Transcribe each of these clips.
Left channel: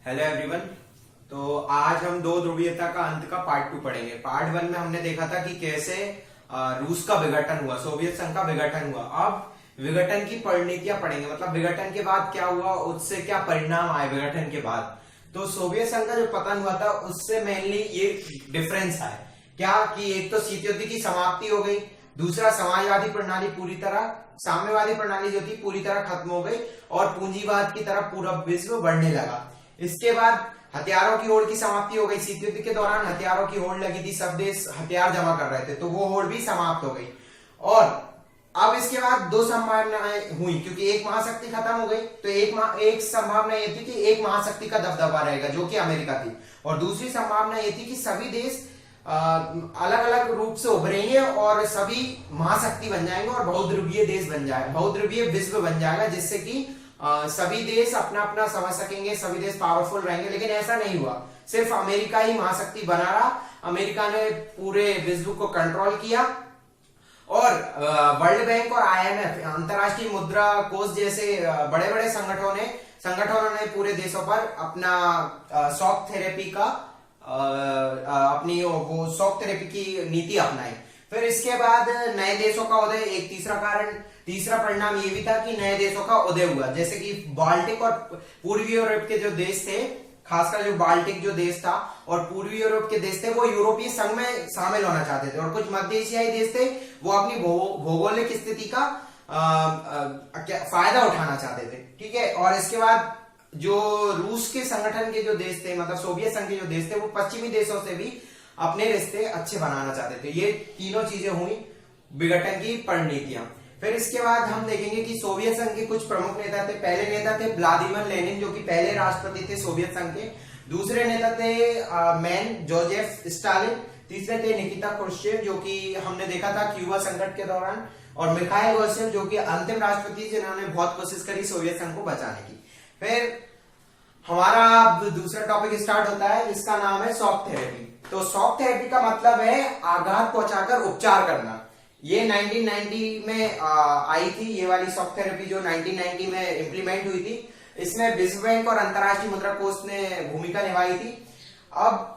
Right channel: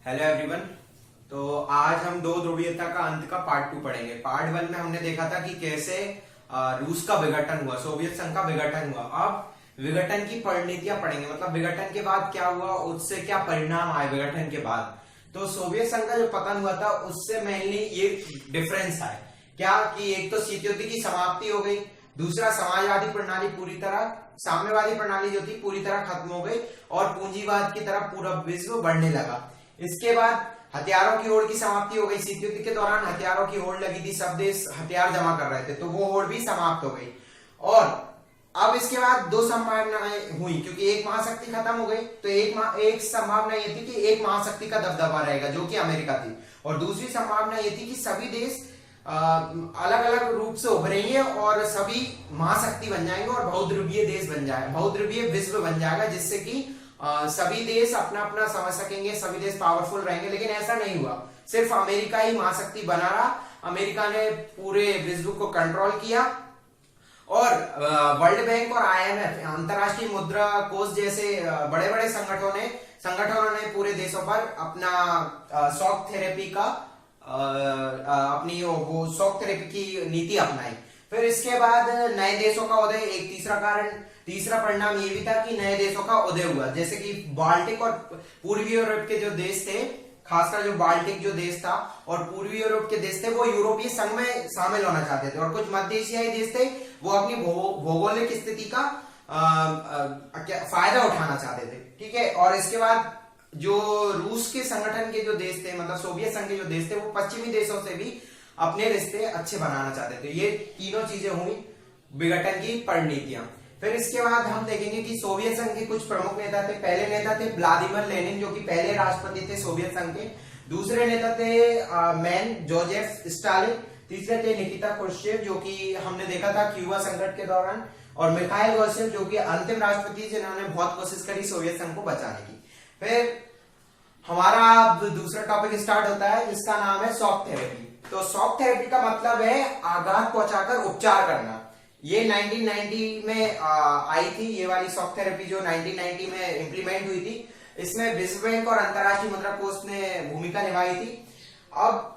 Hello everyone. तो आज हम दो ध्रुवीयता का अंत का पार्ट 2 पढ़ेंगे। पार्ट 1 में हमने देखा था कि कैसे रूस का विघटन हुआ, सोवियत संघ का विघटन हुआ। अब विघटन की परिणतियां पढ़ेंगे, मतलब विघटन के बाद क्या हुआ, उससे क्या परिणाम आए विघटन के बाद। तो सोवियत संघ का जो पतन हुआ था उससे मेनली ये डिफरेंस आए क्या कि एक तो शीत युद्ध की समाप्ति हो गई, दूसरा समाजवादी प्रणाली पूरी तरह, साम्यवादी प्रणाली जो थी पूरी तरह खत्म हो गई और पूंजीवाद की तरफ पूरा विश्व बढ़ने लगा। इसके बाद हथियारों की होड़ की समाप्ति हो गई। शीत युद्ध के दौरान हथियारों की होड़ लगी थी, सब देश हथियार जमा कर रहे थे, तो वो होड़ भी समाप्त हो गई। और अब इसके बाद दो संभावनाएं हुई, क्योंकि एक महाशक्ति खत्म हो गई, तो एक संभावना ये थी कि एक महाशक्ति का दबदबा रहेगा जो कि अमेरिका थी, और दूसरी संभावना ये थी कि सभी देश अलग अलग रूप से उभरेंगे और सभी महाशक्ति बन जाएंगे और बहुध्रुवीय देश बन जाएगा, बहुध्रुवीय विश्व बन जाएगा, जिससे कि सभी देश अपना अपना समझ सकेंगे, सभी देश पावरफुल रहेंगे। लेकिन ऐसा नहीं हुआ, सिर्फ अमेरिका ही महाशक्ति बना रहा। अमेरिका ने पूरे विश्व को कंट्रोल किया और वर्ल्ड बैंक और आईएमएफ, अंतरराष्ट्रीय मुद्रा कोष जैसे बड़े बड़े संगठनों ने पूरे देशों पर अपना शॉक थेरेपी का अपनी वो शॉक थेरेपी की नीति अपनाई। फिर इसके बाद नए देशों का उदय, एक तीसरा परिणाम ये भी था कि नए देशों का उदय हुआ, जैसे कि बाल्टिक और पूर्वी यूरोप के जो देश थे, खासकर जो बाल्टिक जो देश था और पूर्वी यूरोप के देश थे, वो यूरोपीय संघ में शामिल होना चाहते थे, और कुछ मध्य एशियाई देश थे वो अपनी भौगोलिक स्थिति का फायदा उठाना चाहते थे। ठीक है। और इसके बाद जो रूस के संगठन के जो देश थे, मतलब सोवियत संघ के जो देश थे, वो पश्चिमी देशों से भी अपने रिश्ते अच्छे बनाना चाहते थे। ये तीनों चीजें हुई विघटन की परिणतियां। फिर इसके बाद हम देखेंगे कि सोवियत संघ के कुछ प्रमुख नेता थे। पहले नेता थे व्लादिमीर लेनिन, जो कि पहले राष्ट्रपति थे सोवियत संघ के। दूसरे नेता थे मैन जोसेफ स्टालिन। तीसरे थे निकिता क्रुश्चेव, जो कि हमने देखा था क्यूबा संकट के दौरान। और मिखाइल गोर्बाचेव, जो कि अंतिम राष्ट्रपति, जिन्होंने बहुत कोशिश करी सोवियत संघ को बचाने की। फिर हमारा दूसरा टॉपिक स्टार्ट होता है, इसका नाम है शॉक थेरेपी। तो शॉक थेरेपी का मतलब है आघात पहुंचाकर उपचार करना। ये 1990 में आई थी, ये वाली शॉक थेरेपी जो 1990 में इंप्लीमेंट हुई थी। इसमें विश्व बैंक और अंतरराष्ट्रीय मुद्रा कोष ने भूमिका निभाई थी। अब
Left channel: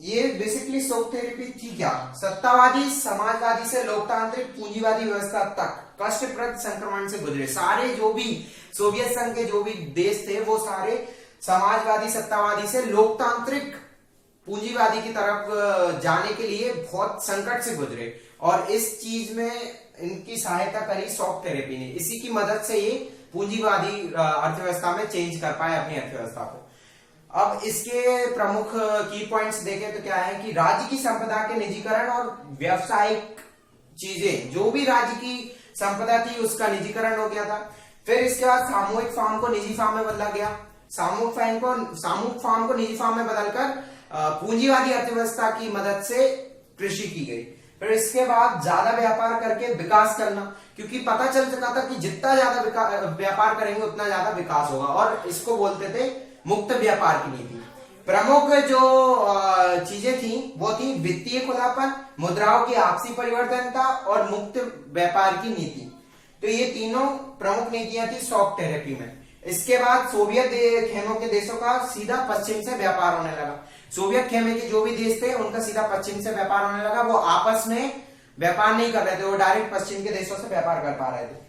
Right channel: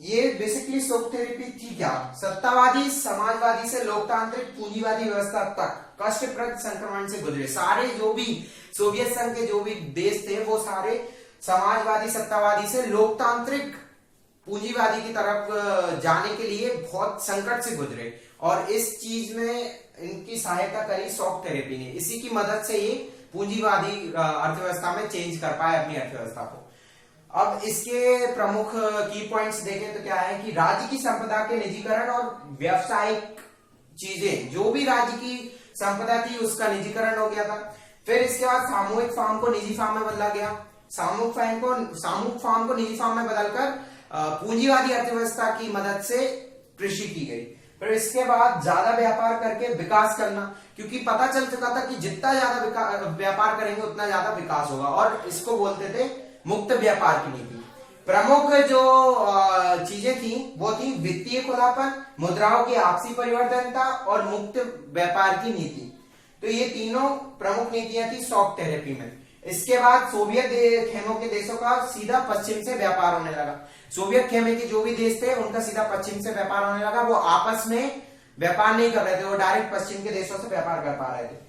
ये बेसिकली शॉक थेरेपी थी क्या, सत्तावादी समाजवादी से लोकतांत्रिक पूंजीवादी व्यवस्था तक कष्टप्रद संक्रमण से गुजरे सारे जो भी सोवियत संघ के जो भी देश थे, वो सारे समाजवादी सत्तावादी से लोकतांत्रिक पूंजीवादी की तरफ जाने के लिए बहुत संकट से गुजरे, और इस चीज में इनकी सहायता करी शॉक थेरेपी ने। इसी की मदद से ये पूंजीवादी अर्थव्यवस्था में चेंज कर पाए अपनी अर्थव्यवस्था को। अब इसके प्रमुख की पॉइंट्स देखें तो क्या है कि राज्य की संपदा के निजीकरण और व्यावसायिक चीजें, जो भी राज्य की संपदा थी उसका निजीकरण हो गया था। फिर इसके बाद सामूहिक फार्म को निजी फार्म में बदला गया। सामूहिक फार्म को निजी फार्म में बदलकर पूंजीवादी अर्थव्यवस्था की मदद से कृषि की गई। फिर इसके बाद ज्यादा व्यापार करके विकास करना, क्योंकि पता चल चुका था कि जितना ज्यादा व्यापार करेंगे उतना ज्यादा विकास होगा, और इसको बोलते थे मुक्त व्यापार की नीति। प्रमुख जो चीजें थी वो थी वित्तीय खुलापन, मुद्राओं की आपसी परिवर्तनता और मुक्त व्यापार की नीति। तो ये तीनों प्रमुख नीतियां थी शॉक थेरेपी में। इसके बाद सोवियत खेमों के देशों का सीधा पश्चिम से व्यापार होने लगा। सोवियत खेमे के जो भी देश थे उनका सीधा पश्चिम से व्यापार होने लगा। वो आपस में व्यापार नहीं कर रहे थे, वो डायरेक्ट पश्चिम के देशों से व्यापार कर पा रहे थे।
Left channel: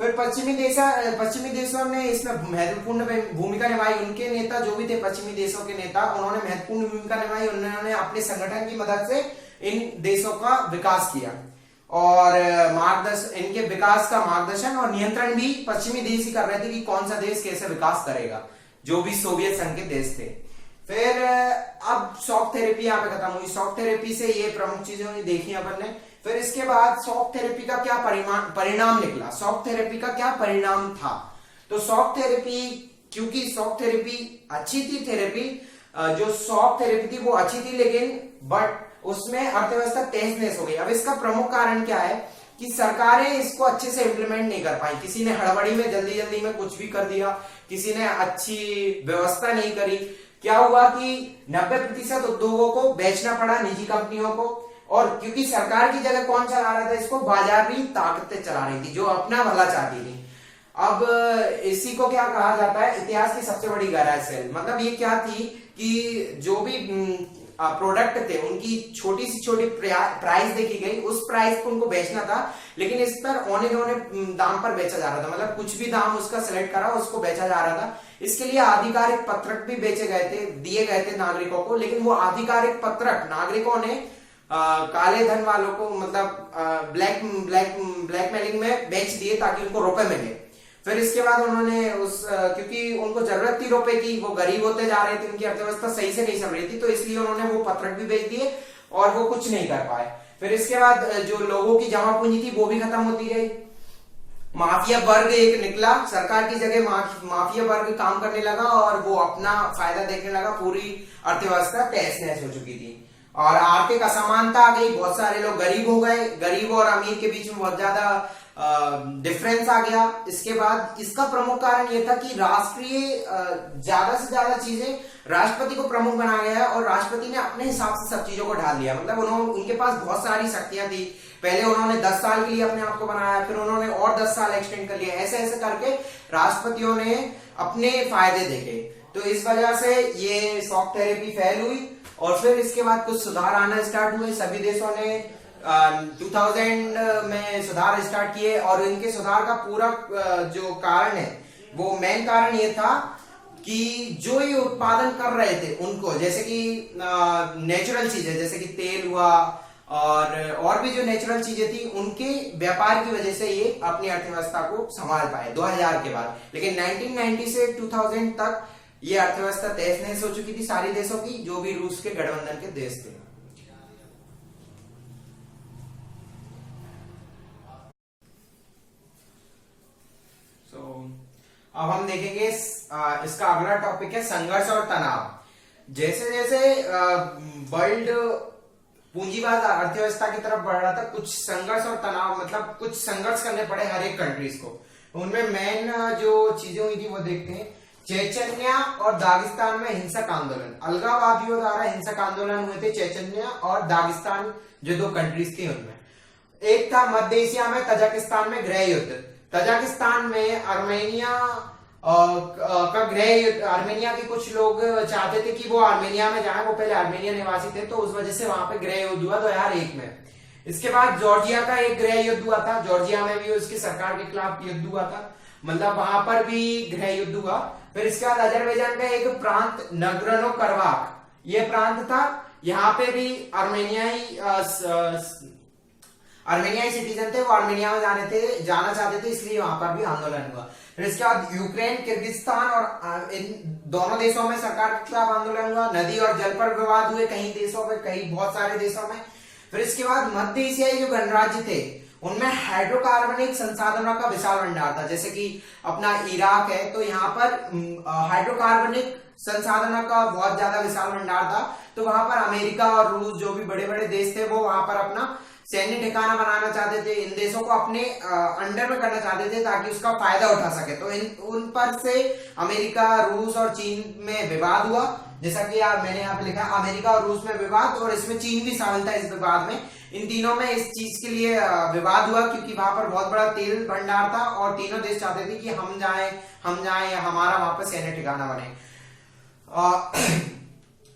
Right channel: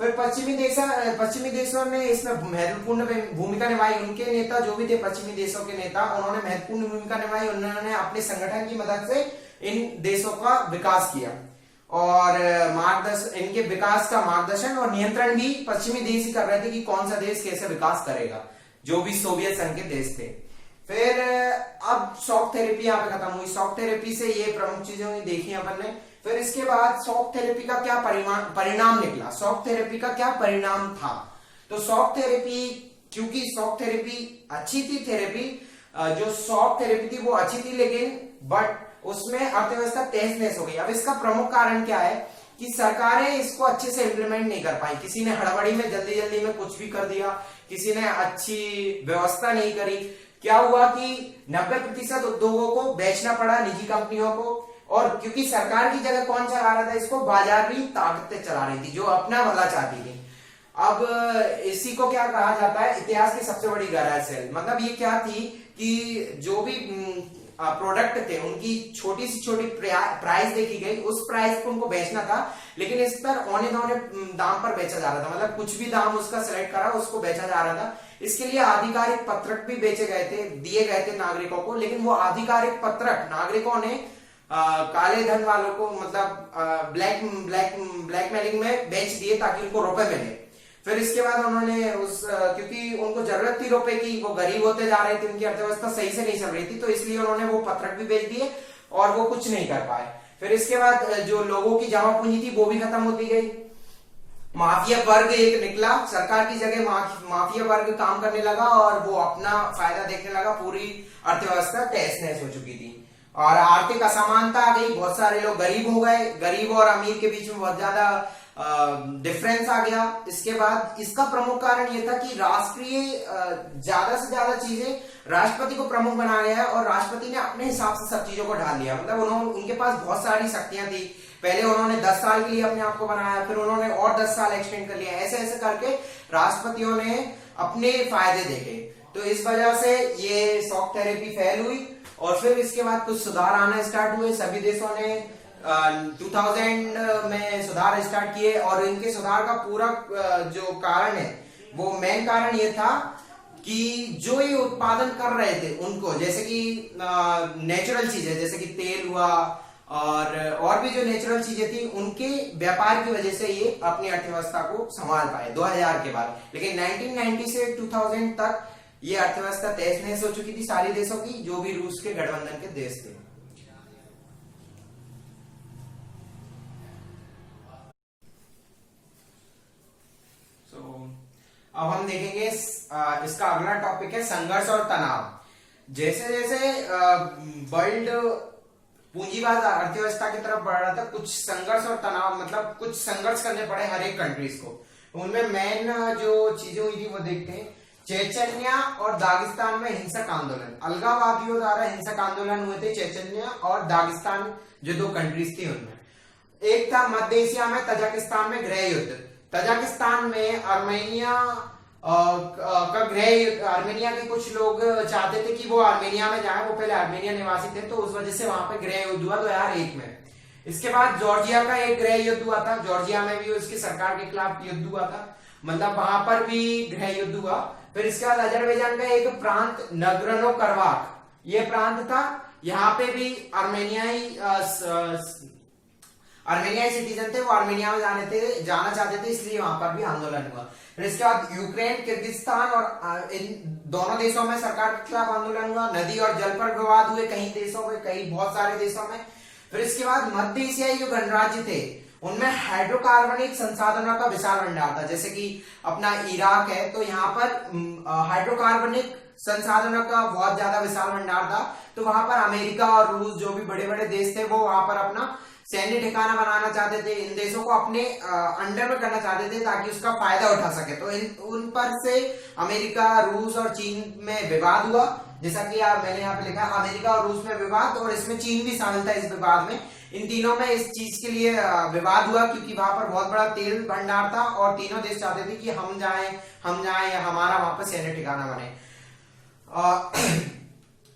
फिर पश्चिमी देशों ने इसमें महत्वपूर्ण भूमिका निभाई। उनके नेता जो भी थे पश्चिमी देशों के नेता, उन्होंने महत्वपूर्ण भूमिका निभाई। उन्होंने अपने संगठन की मदद से इन देशों का विकास किया, और इनके विकास का मार्गदर्शन और नियंत्रण भी पश्चिमी देश ही कर रहे थे कि कौन सा देश कैसे विकास करेगा, जो भी सोवियत संघ के देश थे। फिर अब शॉक थेरेपी यहाँ पे खत्म हुई। शॉक थेरेपी से ये प्रमुख चीजें देखी अपन ने। फिर इसके बाद शॉक थेरेपी का क्या परिणाम निकला, शॉक थेरेपी का क्या परिणाम था। तो शॉक थेरेपी, क्योंकि शॉक थेरेपी अच्छी थी, जो शॉक थेरेपी थी वो अच्छी थी, लेकिन बट उसमें अर्थव्यवस्था तहस नहस हो गई। अब इसका प्रमुख कारण क्या है कि सरकारें इसको अच्छे से इंप्लीमेंट नहीं कर पाई। किसी ने हड़बड़ी में जल्दी में कुछ भी कर दिया, किसी ने अच्छी व्यवस्था नहीं करी। क्या हुआ कि 90% उद्योगों को बेचना पड़ा निजी कंपनियों को, और क्योंकि सरकार की जगह कौन चला रहा था इसको, बाजार भी ताकतें चला रही थी जो अपना भला चाहती थी। अब इसी को क्या कहा जाता है, इतिहास की सबसे बड़ी गैराज सेल। मतलब ये क्या थी कि जो भी प्रोडक्ट थे उनकी छोटी सी छोटी प्राइस देखी गई, उस प्राइस को उनको बेचना था, लेकिन इस पर औने धौने दाम पर बेचा जा रहा था। मतलब कुछ भी दाम उसका सेलेक्ट करा उसको बेचा जा रहा था। इसके लिए आधिकारिक पत्रक भी बेचे गए थे, दिए गए थे नागरिकों को, लेकिन वो आधिकारिक पत्रक नागरिकों ने काले धन वालों को, मतलब ब्लैकमेलिंग में बेच दिए ताकि उनको रुपए मिले। फिर इसके बाद उन्होंने क्योंकि उनको जरूरत थी रुपए की, वो गरीब होते जा रहे थे, उनकी अर्थव्यवस्था सही से नहीं चल रही थी, तो इसलिए उन्होंने वो पत्रक भी बेच दिए और वो कुछ नहीं कर पाए। फिर इसके बाद जो लोगों की जमा पूंजी थी वो भी खत्म होती गई। माफिया वर्ग एक निकला, सरकार की जगह माफिया वर्ग काम करने लगा और वो अपना फायदा देखने लगा। पूरी अर्थव्यवस्था तहस नहस हो चुकी थी और आर्थिक असमानता आ गई, बहुत सारे लोग गरीब हो गए, गरीब और अमीर के बीच में बहुत ज्यादा डिफरेंस आ गया। इसके बाद इसका प्रमुख कारण यह था कि राष्ट्रीय ज्यादा से ज्यादा चीजें राष्ट्रपति को प्रमुख बना गया है और राष्ट्रपति ने अपने हिसाब से सब चीजों को ढाल दिया। मतलब उनके पास बहुत सारी शक्तियां थी। पहले उन्होंने 10 साल के लिए अपने आप को बनाया, फिर उन्होंने और 10 साल एक्सटेंड कर लिया। ऐसे ऐसे करके राष्ट्रपतियों ने अपने फायदे देखे, तो इस वजह से ये शॉक थेरेपी फैल हुई और फिर इसके बाद कुछ सुधार आना स्टार्ट हुए। सभी देशों ने 2000 में सुधार स्टार्ट किए और इनके सुधार का पूरा जो कारण है, वो मेन कारण ये था कि जो ये उत्पादन कर रहे थे उनको, जैसे कि नेचुरल चीजें जैसे कि तेल हुआ और भी जो नेचुरल चीजें थी, उनके व्यापार की वजह से ये अपनी अर्थव्यवस्था को संभाल पाए 2000 के बाद। लेकिन 1990 से 2000 तक ये अर्थव्यवस्था तहस नहस हो चुकी थी सारी देशों की, जो भी रूस के गठबंधन के देश थे। अब हम देखेंगे इसका अगला टॉपिक है संघर्ष और तनाव। जैसे जैसे वर्ल्ड पूंजीवाद अर्थव्यवस्था की तरफ बढ़ रहा था, कुछ संघर्ष और तनाव, मतलब कुछ संघर्ष करने पड़े हर एक कंट्रीज को। उनमें मेन जो चीजें हुई थी वो देखते हैं। चेचन्या और दागिस्तान में हिंसक आंदोलन, अलगाववादियों द्वारा हिंसक आंदोलन हुए थे चेचन्या और दागिस्तान जो दो कंट्रीज थी उनमें। एक था मध्य एशिया में तजाकिस्तान में गृह युद्ध। तजाकिस्तान में आर्मेनिया का गृह युद्ध, आर्मेनिया के कुछ लोग चाहते थे कि वो आर्मेनिया में जाएं, वो पहले आर्मेनिया निवासी थे, तो उस वजह से वहां पे गृह युद्ध हुआ 2001 में। इसके बाद जॉर्जिया का एक गृह युद्ध हुआ था, जॉर्जिया में भी उसकी सरकार के खिलाफ युद्ध हुआ था, मतलब वहां पर भी गृह युद्ध हुआ। फिर इसके बाद अजरबैजान का एक प्रांत नगरनो करबाख, ये प्रांत था, यहाँ पे भी आर्मेनियाई सिटीजन थे, वो आर्मेनिया में जाना चाहते थे, इसलिए वहां पर भी आंदोलन हुआ। फिर इसके बाद यूक्रेन, किर्गिस्तान और इन दोनों देशों में सरकार के खिलाफ आंदोलन हुआ। नदी और जल पर विवाद हुए कई देशों में, कई बहुत सारे देशों में। फिर इसके बाद मध्य एशियाई जो गणराज्य थे उनमें हाइड्रोकार्बनिक संसाधनों का विशाल भंडार था। जैसे कि अपना इराक है, तो यहाँ पर हाइड्रोकार्बनिक संसाधनों का बहुत ज्यादा विशाल भंडार था, तो वहां पर अमेरिका और रूस जो भी बड़े बड़े देश थे वो वहां पर अपना सैन्य ठिकाना बनाना चाहते थे, इन देशों को अपने अंडर में करना चाहते थे ताकि उसका फायदा उठा सके। तो उन पर से अमेरिका, रूस और चीन में विवाद हुआ। जैसा कि मैंने यहाँ पे लिखा अमेरिका और रूस में विवाद, और इसमें चीन भी शामिल था इस विवाद में। इन तीनों में इस चीज के लिए विवाद हुआ क्योंकि वहां पर बहुत बड़ा तेल भंडार था और तीनों देश चाहते थे कि हम जाएं या हमारा वहां पर सैन्य ठिकाना बने।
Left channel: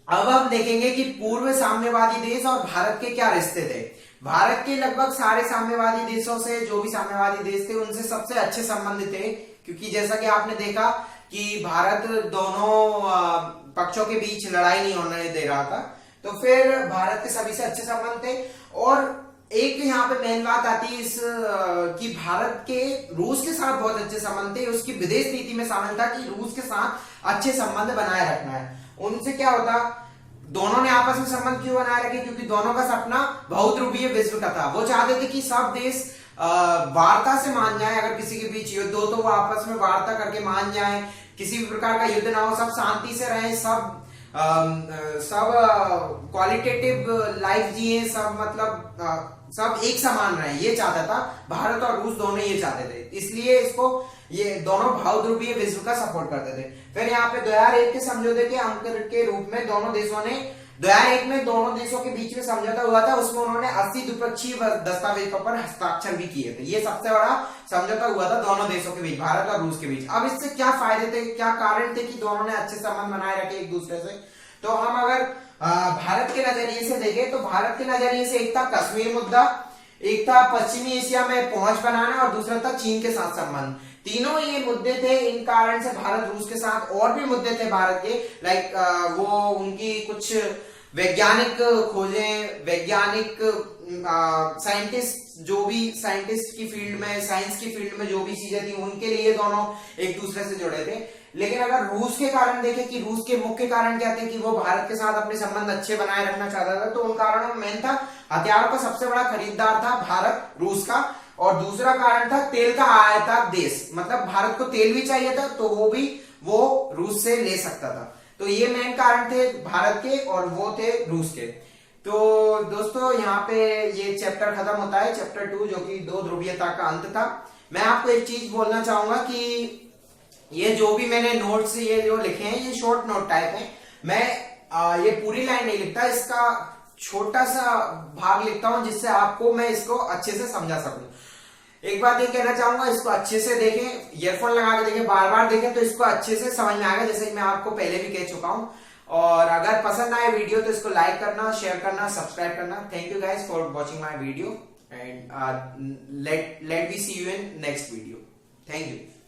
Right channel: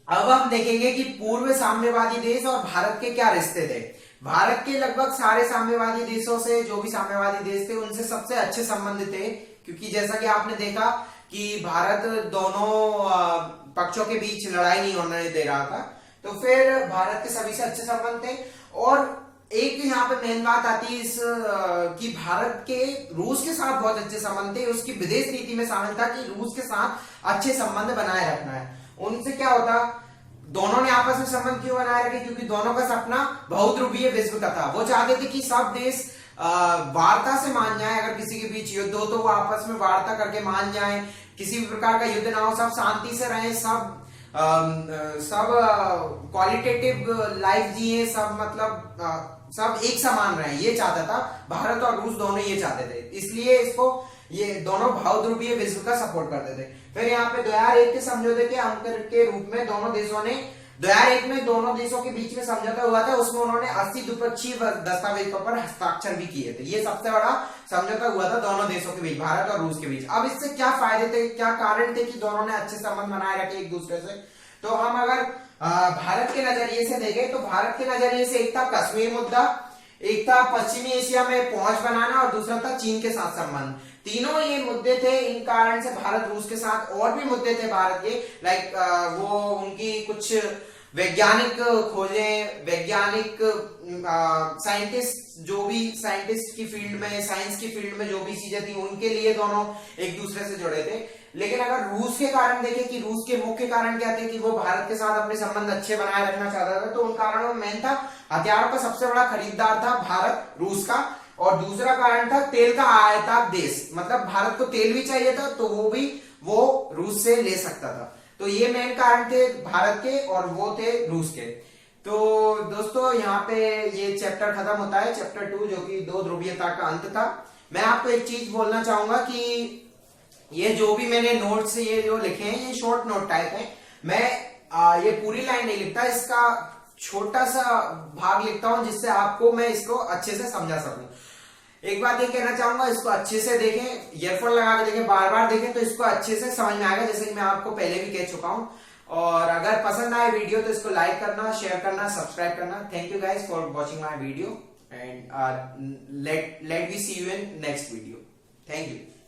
अब हम देखेंगे कि पूर्व साम्यवादी देश और भारत के क्या रिश्ते थे। भारत के लगभग सारे साम्यवादी देशों से, जो भी साम्यवादी देश थे उनसे सबसे अच्छे संबंध थे, क्योंकि जैसा कि आपने देखा कि भारत दोनों पक्षों के बीच लड़ाई नहीं होने दे रहा था, तो फिर भारत के सभी से अच्छे संबंध थे। और एक यहाँ पे मेन बात आती है कि भारत के रूस के साथ बहुत अच्छे संबंध थे। उसकी विदेश नीति में शामिल था कि रूस के साथ अच्छे संबंध बनाए रखना है। उनसे क्या होता, दोनों ने आपस में संबंध क्यों बनाए रखे, क्योंकि दोनों का सपना बहुध्रुवीय विश्व का था। वो चाहते थे कि सब देश वार्ता से मान जाए, अगर किसी के बीच युद्ध हो तो वो आपस में वार्ता करके मान जाए, किसी भी प्रकार का युद्ध ना हो, सब शांति से रहें, सब क्वालिटेटिव लाइफ जिए, सब मतलब सब एक समान रहे, ये चाहता था भारत और रूस दोनों ये चाहते थे। इसलिए इसको ये दोनों बहुध्रुवीय विश्व का सपोर्ट करते थे। फिर यहाँ पे 2001 के समझौते के अंक के रूप में दोनों देशों ने 2001 में दोनों देशों के बीच में समझौता हुआ था, उसमें उन्होंने 80 द्विपक्षीय दस्तावेजों पर हस्ताक्षर भी किए थे। ये सबसे बड़ा समझौता हुआ था दोनों देशों के बीच, भारत और रूस के बीच। अब इससे क्या फायदे थे, क्या कारण थे कि दोनों ने अच्छे संबंध बनाए रखे एक दूसरे से? तो हम अगर भारत के नजरिए से देखें तो भारत के नजरिए से एक था कश्मीर मुद्दा, एक था पश्चिमी एशिया में पहुंच बनाना और दूसरा था चीन के साथ संबंध। तीनों ये मुद्दे थे, इन कारण से भारत रूस के साथ और भी मुद्दे थे भारत के, लाइक वो उनकी कुछ वैज्ञानिक खोजें, वैज्ञानिक साइंटिस्ट, जो भी साइंटिस्ट की फील्ड में, साइंस की फील्ड में जो भी चीजें थी उनके लिए दोनों एक दूसरे से जुड़े थे। लेकिन अगर रूस के कारण देखें कि रूस के मुख्य कारण क्या थे कि वो भारत के साथ अपने संबंध अच्छे बनाए रखना चाहता था, तो उन कारणों में मेन था हथियारों का सबसे बड़ा खरीदार था भारत रूस का, और दूसरा कारण था तेल का आयातक देश, मतलब भारत को तेल भी चाहिए था तो वो रूस से ले सकता था। तो ये मेन कारण थे भारत के और वो थे रूस के। तो दोस्तों यहाँ पे ये चैप्टर खत्म होता है, चैप्टर 2, जो कि 2 ध्रुवीयता का अंत था। मैं आपको एक चीज बोलना चाहूंगा कि ये जो भी मैंने नोट्स ये जो लिखे हैं ये शॉर्ट नोट टाइप है। मैं ये पूरी लाइन नहीं लिखता, इसका छोटा सा भाग लिखता हूं जिससे आपको मैं इसको अच्छे से समझा सकूं। एक बात ये कहना चाहूंगा, इसको अच्छे से देखें, ईयरफोन लगा के देखें, बार बार देखें तो इसको अच्छे से समझ में आएगा, जैसे कि मैं आपको पहले भी कह चुका हूं। और अगर पसंद आए वीडियो तो इसको लाइक करना, शेयर करना, सब्सक्राइब करना। Thank you guys for watching my video and let we see you in next video. Thank you.